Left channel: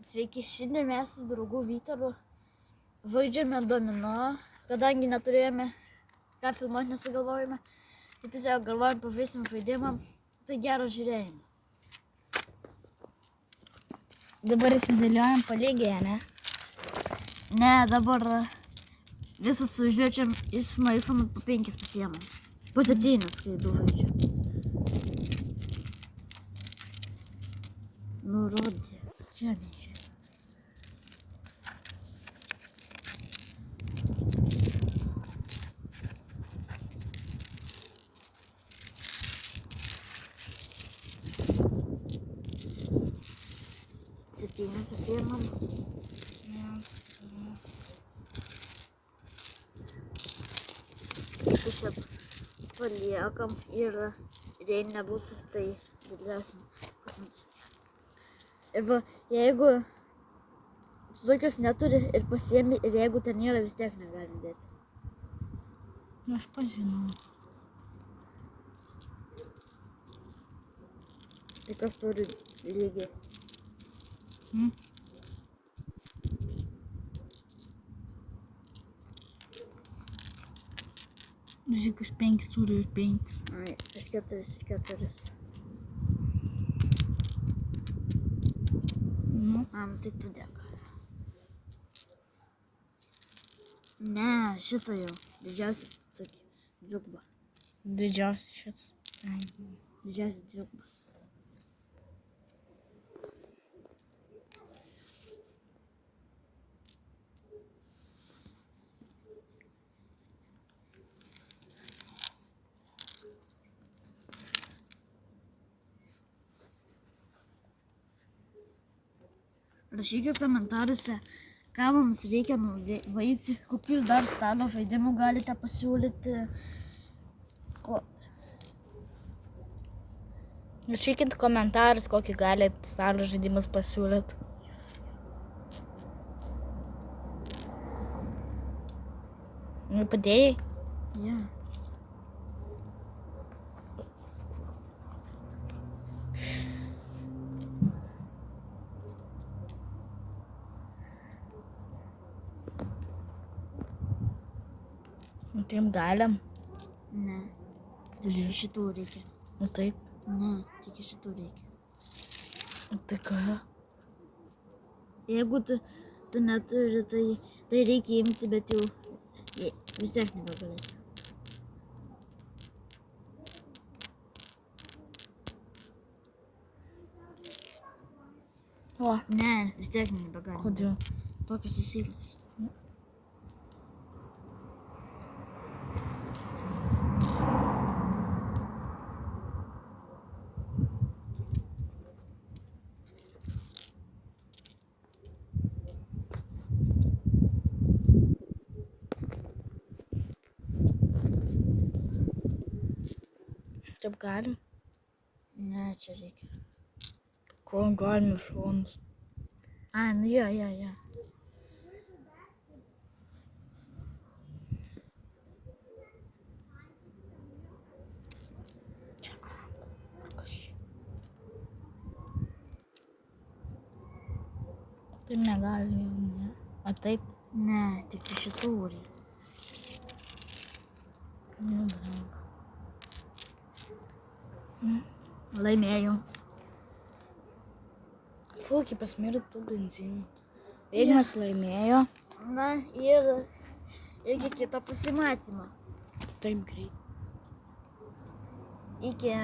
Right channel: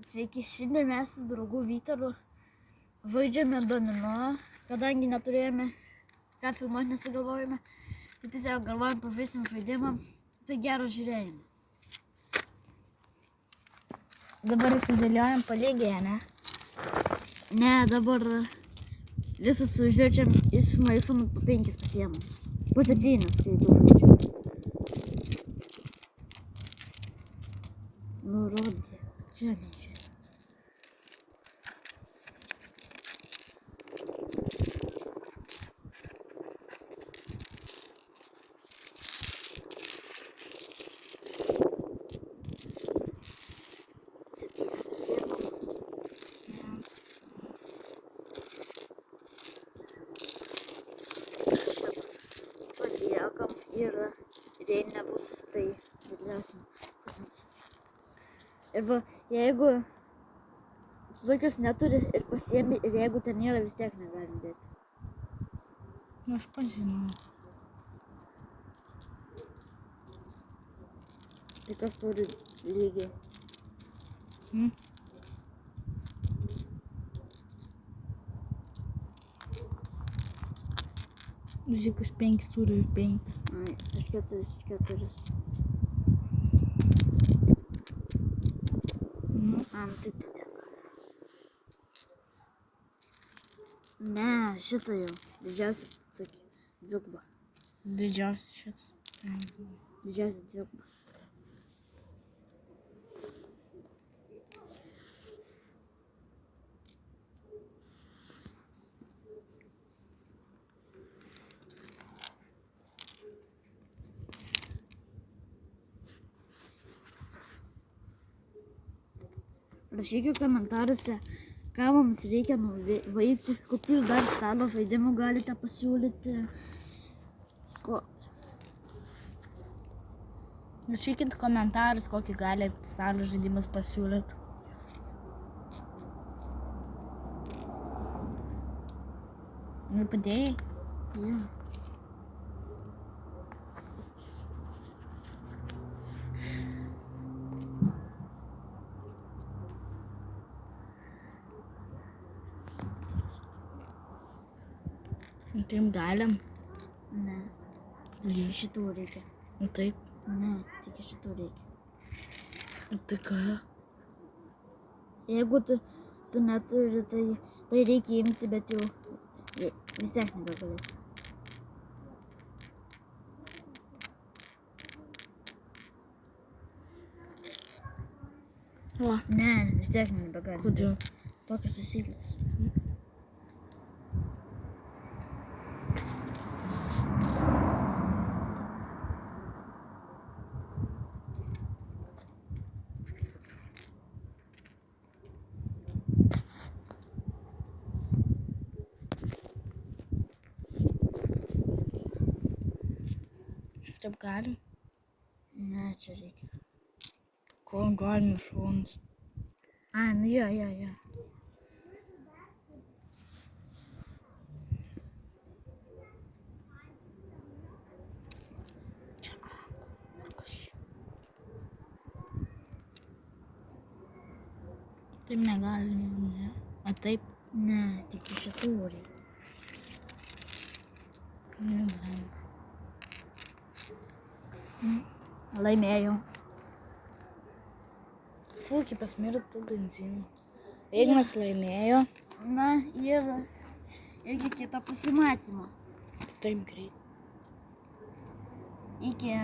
Sveiki, šiandien mes su draugu Vytaru žaidžiame domino, kadangi neturėjome ką filmuoti, nesugalvojame. Tai tiesiog galvojam, pažaisim žaidimą, tai gero žiūrėjimo. Dabar įsidėliojam palygiai, ne? Ne, dabar visus sužaidžiam, nuo jūsų po 5 pasiemam. Po 7, kai 2 žaidžiam. Nurodė, čia ne čia. Septynias pasiemam. Paliekam ir jei nebus, tai dėliosim pasiimti. Ir va, jeigu tu tokius neturi ir pasiemi, ir jeigu ten nėra, vis tiek negalim dėti. Aš pažinau. Tai kas turi lygiai? Žiūrėk, aš 5 turiu ir 5. Ai, aš 4. Tai tu dėka. Ne, šitą jau. Didžiausia tokį dvigubą. Didžiausias šis. Didžiausia dvigubą. Rašykite komentaruose, ką mums reikia nuveikti, kokius dar stalo žaidimų galite pasiūlyti. Rašykit komentarus, kokį galite stalo žaidimus pasiūlyti. Padėjai? Ja. Taip galim. Ne. Tik šitų reikia. Taip. Ne, tik šitų reikia. Tai ką? Jeigu tu neturi, tai reikia imti, bet jau vis tiek nebegalėsi. O. Ne, vis tiek nebegalėsi. Kodėl? Tokios taisyklės. Taip galim? Ne, čia reikia. Ko galim iš šonus? A, nu jo. Čia Taip negalim jau, ne? O taip? Ne, tik šitų reikia. Neblaim. Laimėjau. Fūkiai pasmirė tų benzinų. Ignas laimėjo. Na ir iki kito pasimatymo. Taip greit. Iki.